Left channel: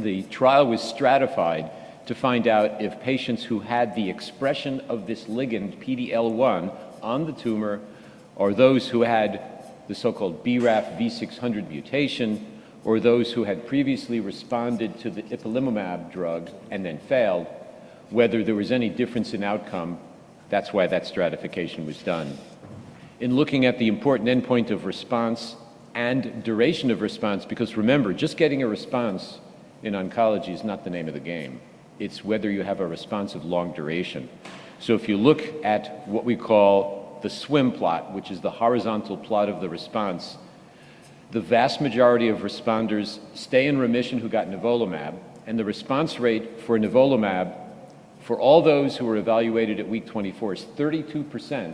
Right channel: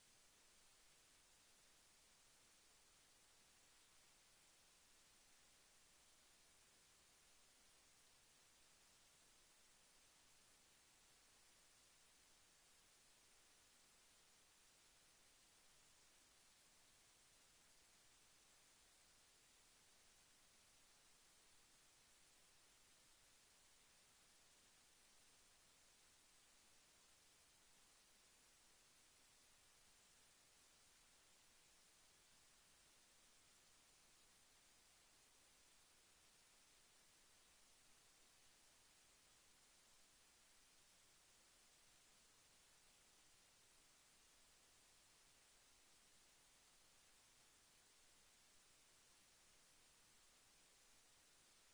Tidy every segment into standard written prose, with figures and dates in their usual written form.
And the trial was stratified to find out if patients who had the expression of this ligand, PD-L1, on the tumor, or those who had the so-called BRAF V600 mutation, or those who had previously responded to the Nivolumab drug and then failed, whether there was any difference in outcome. That's why that stratification was done. In looking at the important endpoint of response and duration of response, because remember, just getting a response in oncology is not the name of the game. It's whether you have a response of long duration. So if you look at what we call the swim plot, which is the horizontal plot of the response, the vast majority of responders stay in remission who got nivolumab, and the response rate for nivolumab for all those who were evaluated at week 24 is 32%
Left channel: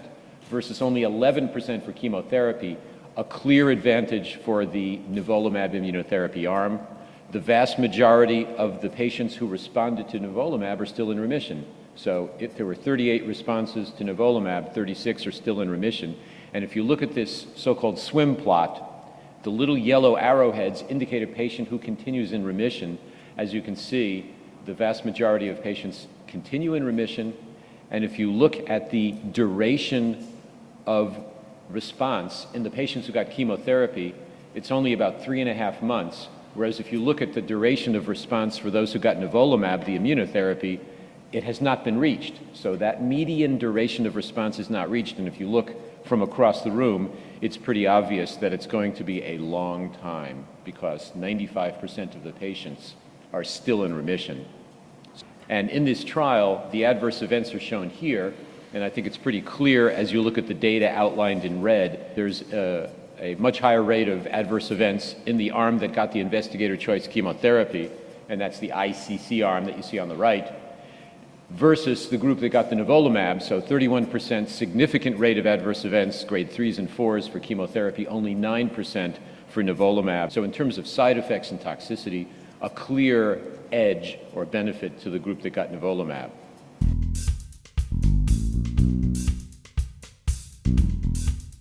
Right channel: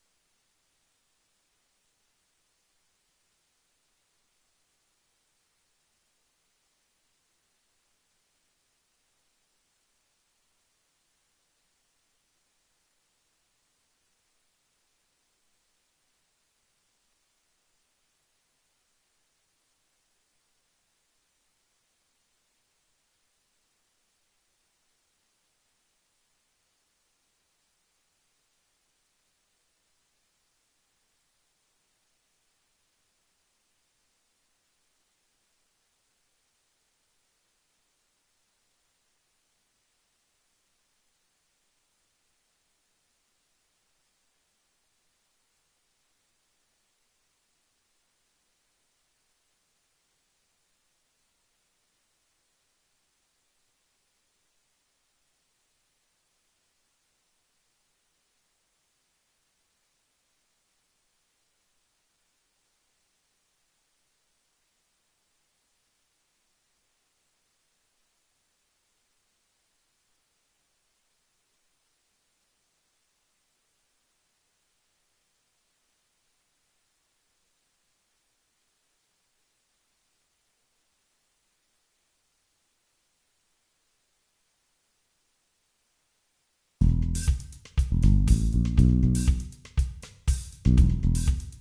versus only 11% for chemotherapy, a clear advantage for the nivolumab immunotherapy arm. The vast majority of the patients who responded to nivolumab are still in remission. So if there were 38 responses to nivolumab, 36 are still in remission. And if you look at this so-called swim plot, the little yellow arrowheads indicate a patient who continues in remission. As you can see, the vast majority of patients continue in remission. And if you look at the duration of response in the patients who got chemotherapy, it's only about 3.5 months. Whereas if you look at the duration of response for those who got nivolumab, the immunotherapy, it has not been reached. So that median duration of response is not reached. And if you look from across the room, it's pretty obvious that it's going to be a long time because 95% of the patients are still in remission. And in this trial, the adverse events are shown here, and I think it's pretty clear as you look at the data outlined in red. There's a much higher rate of adverse events in the arm that got the investigator choice chemotherapy, and that's the ICC arm that you see on the right, versus the group that got the nivolumab. So 31% significant rate of adverse events, grade 3s and 4s for chemotherapy, only 9% for nivolumab. So in terms of side effects and toxicity, a clear edge or benefit to the group that got nivolumab.